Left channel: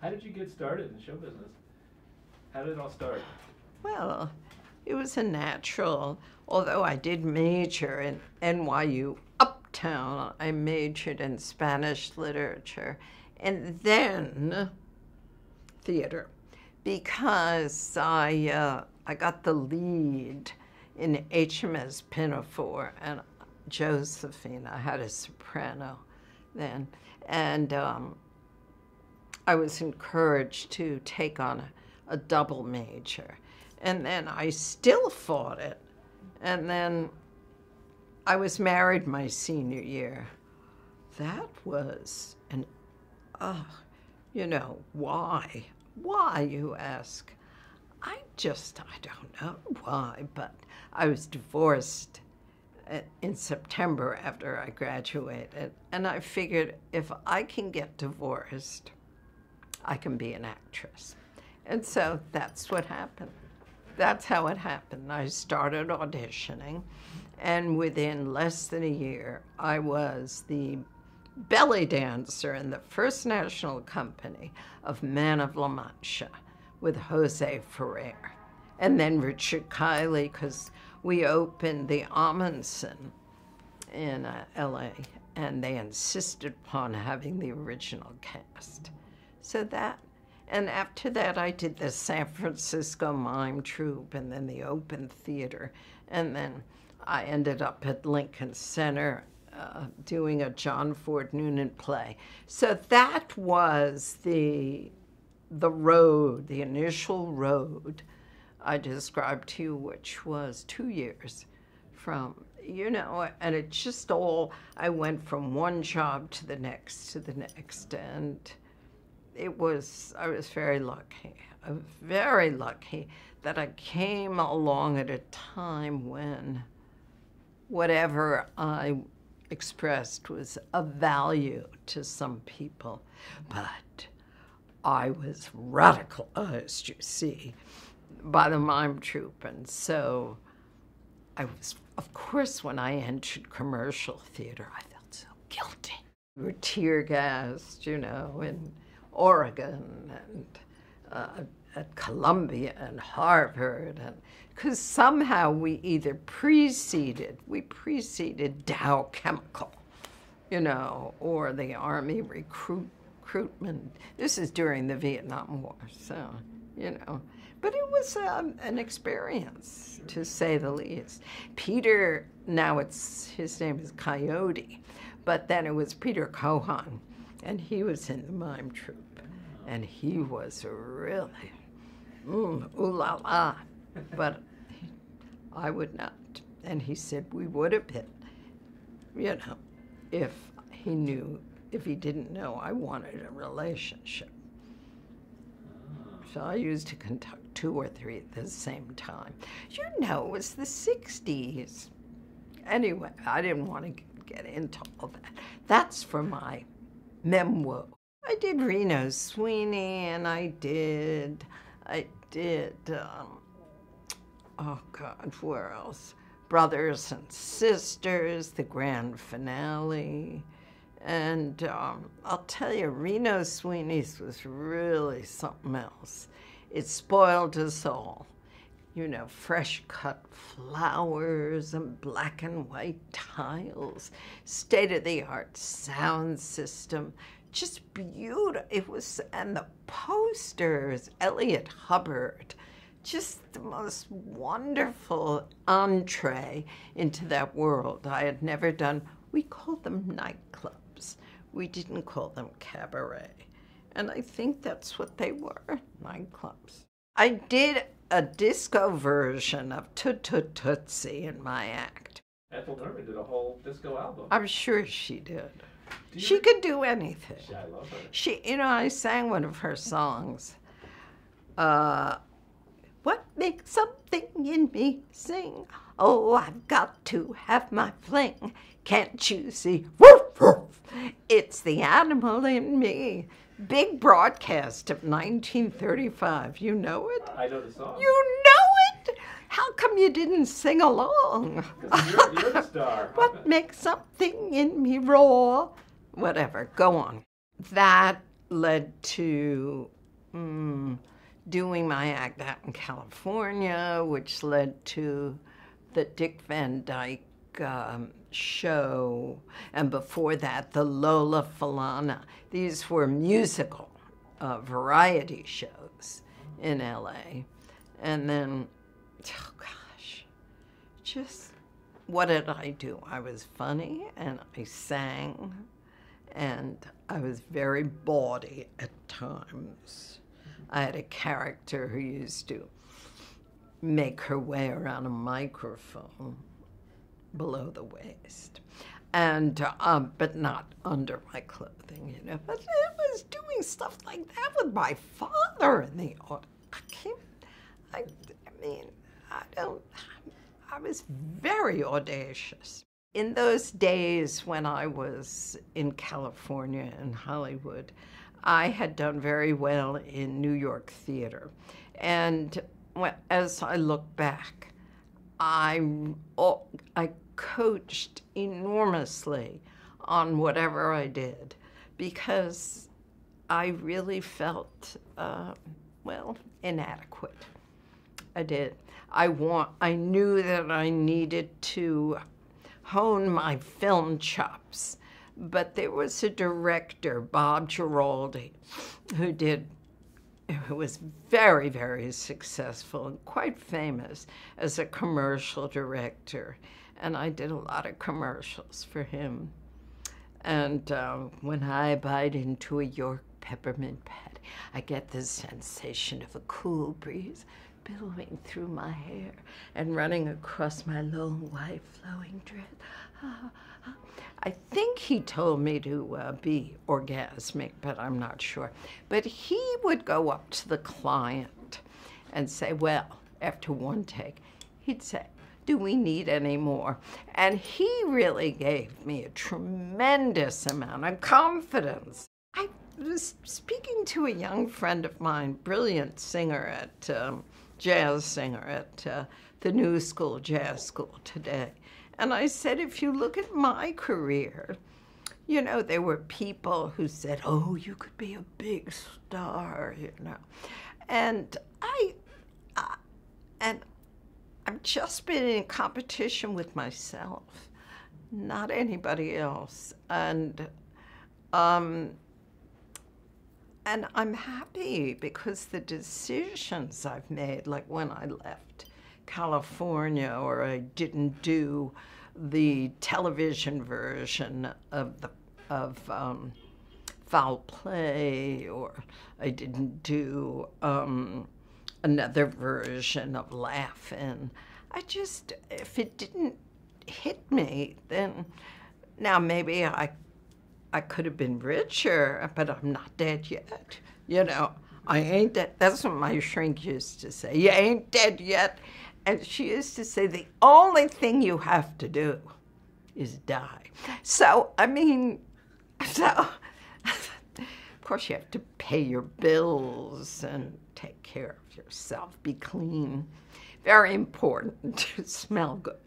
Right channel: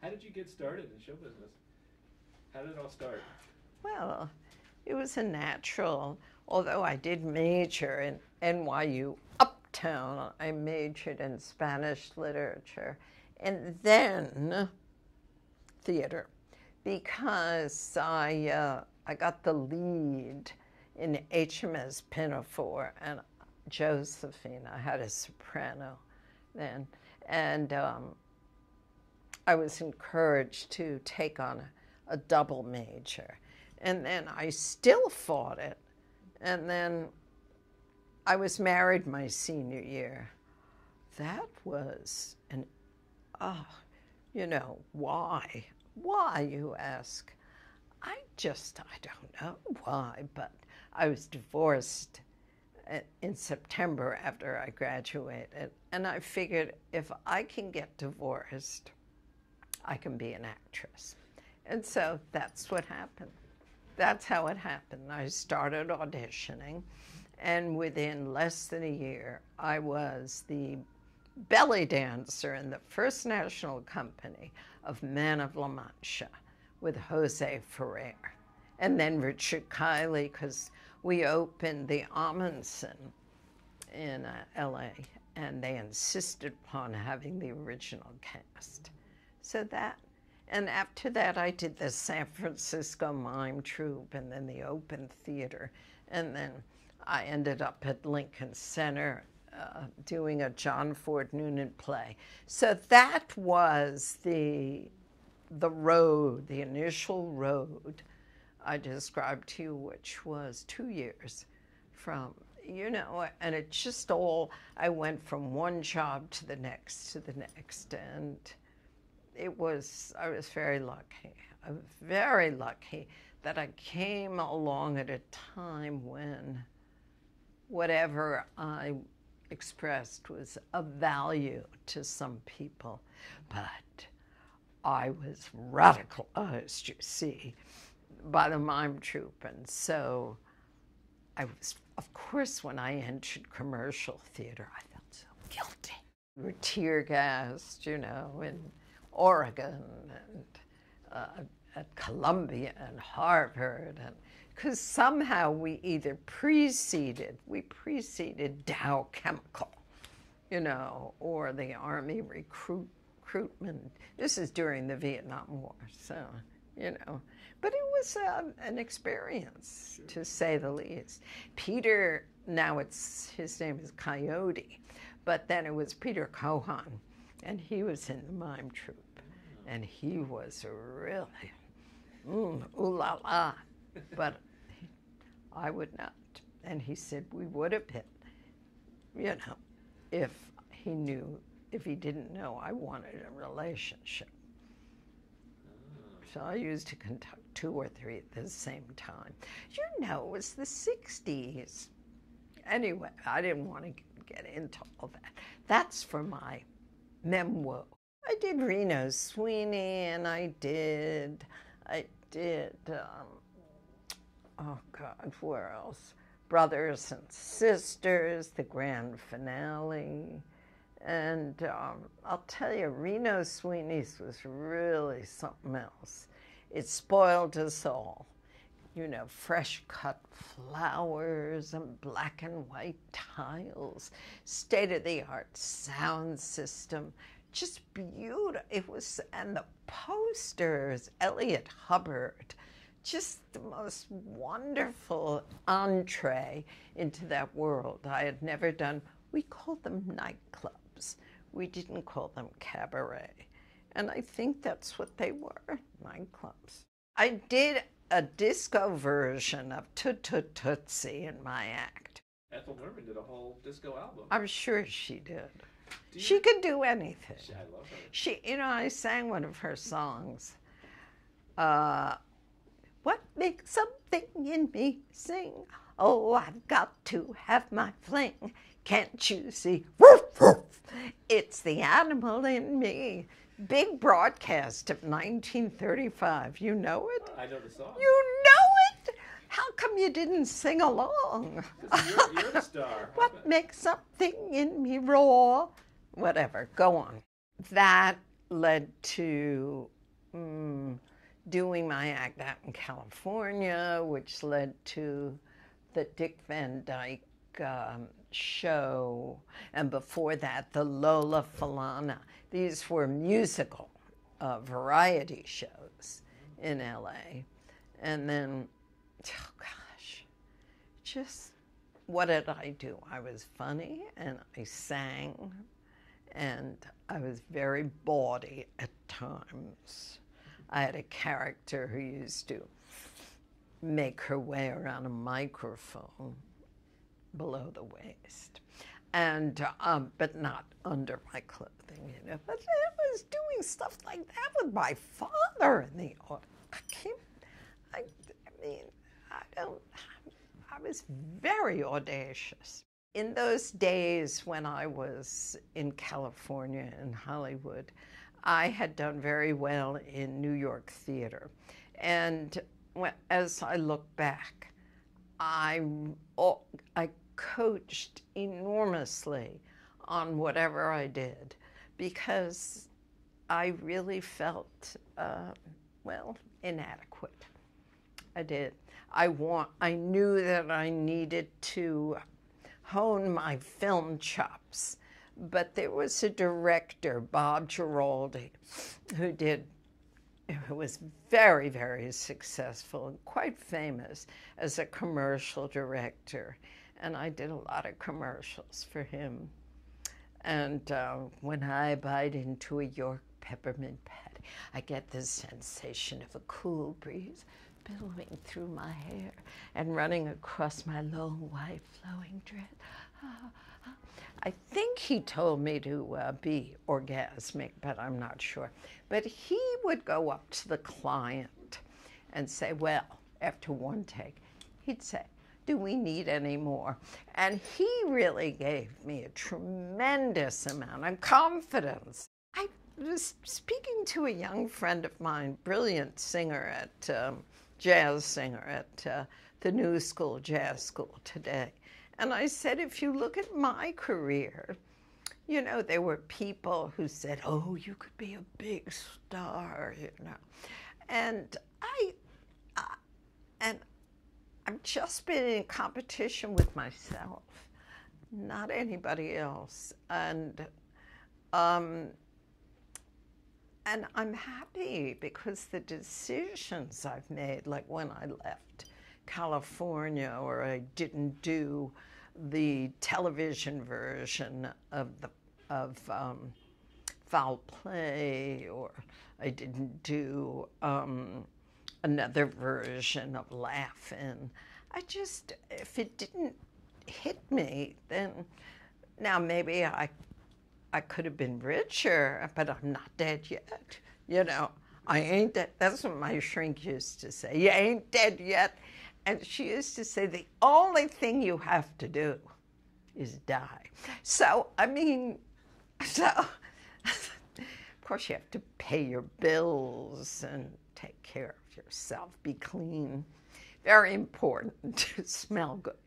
How did you get started in show business? How did it all start? Well, it was a natural, although I did major in NYU Uptown. I majored in Spanish literature and then theater because I got the lead in HMS Pinafore and Josephine. I had a soprano then, and I was encouraged to take on a double major. And then I still fought it. And then I was married my senior year. That was why? Why, you ask? I don't know why, but I was divorced in September after I graduated. And I figured if I can get divorced, I can be an actress. And so that's what happened. That's how it happened. I started auditioning, and within less than a year, I was the belly dancer in the First National Company of Man of La Mancha with Jose Ferrer. And then Richard Kiley, because we opened the Amundsen in LA, and they insisted upon having the original cast. So that, and after that I did the San Francisco Mime Troupe and then the Open Theater, and then I ended up at Lincoln Center doing a John Ford Noonan play. So that was the road, the initial road I described to you, which was 2 years from, and it just all, I went from one job to the next, and I was very lucky that I came along at a time when whatever I expressed was of value to some people, but I was radicalized, you see, by the mime troupe. And so I was, of course, when I entered commercial theater, I felt so guilty. We were tear gassed, in Oregon and at Columbia and Harvard, and because somehow we either preceded Dow Chemical, or the Army recruitment. This is during the Vietnam War, so, But it was an experience, to say the least. Peter, now his name is Coyote, but then it was Peter Cohan, and he was in the mime troupe, and he was really, ooh la la, but I would not. And he said we would have been, if he didn't know I wanted a relationship. So I used to conduct 2 or 3 at the same time. It was the 60s. Anyway, I didn't want to get into all that. That's for my memoir. I did Reno Sweeney, and I did, oh God, where else? Brothers and Sisters, the grand finale. And I'll tell you, Reno Sweeney's was really something else. It spoiled us all. Fresh cut flowers and black and white tiles, state-of-the-art sound system, just beautiful. It was, and the posters, Elliot Hubbard, just the most wonderful entree into that world. I had never done, we called them nightclubs. We didn't call them cabaret. And I think that's what they were, nightclubs. I did a disco version of Toot Toot Tootsie in my act. Ethel Merman did a whole disco album. I'm sure she did. She could do anything. I love her. She, I sang one of her songs. What makes something in me sing? Oh, I've got to have my fling. Can't you see? Woof, woof. It's the animal in me. Big broadcast of 1935. You know it? I know the song. You know it? How come you didn't sing along? Because you're the star. What makes something in me roar? Whatever, go on. That led to doing my act out in California, which led to the Dick Van Dyke show, and before that, the Lola Falana. These were musical variety shows in LA. And then, oh gosh, just what did I do? I was funny, and I sang, and I was very bawdy at times. I had a character who used to make her way around a microphone below the waist, and but not under my clothing, you know. But I was doing stuff like that with my father in the audience. I was very audacious. In those days when I was in California and Hollywood, I had done very well in New York theater. And as I look back, I coached enormously on whatever I did because I really felt, inadequate. I did. I knew that I needed to hone my film chops, but there was a director, Bob Giraldi, who was very, very successful and quite famous as a commercial director. And I did a lot of commercials for him. And when I bite into a York peppermint patty, I get the sensation of a cool breeze billowing through my hair and running across my low white flowing dress. I think he told me to be orgasmic, but I'm not sure. But he would go up to the client and say, well, after one take, he'd say, do we need any more? And he really gave me a tremendous amount of confidence. I was speaking to a young friend of mine, brilliant singer jazz singer at the New School Jazz School today. And I said, if you look at my career, you know, there were people who said, oh, you could be a big star, you know. And I've just been in competition with myself, not anybody else. And I'm happy because the decisions I've made, like when I left California, or I didn't do the television version of Foul Play, or I didn't do another version of Laugh-In. If it didn't hit me, then now maybe I could have been richer, but I'm not dead yet. You know, I ain't dead. That's what my shrink used to say. You ain't dead yet. And she used to say, the only thing you have to do is die. So, of course you have to pay your bills and take care of yourself, be clean. Very important to smell good.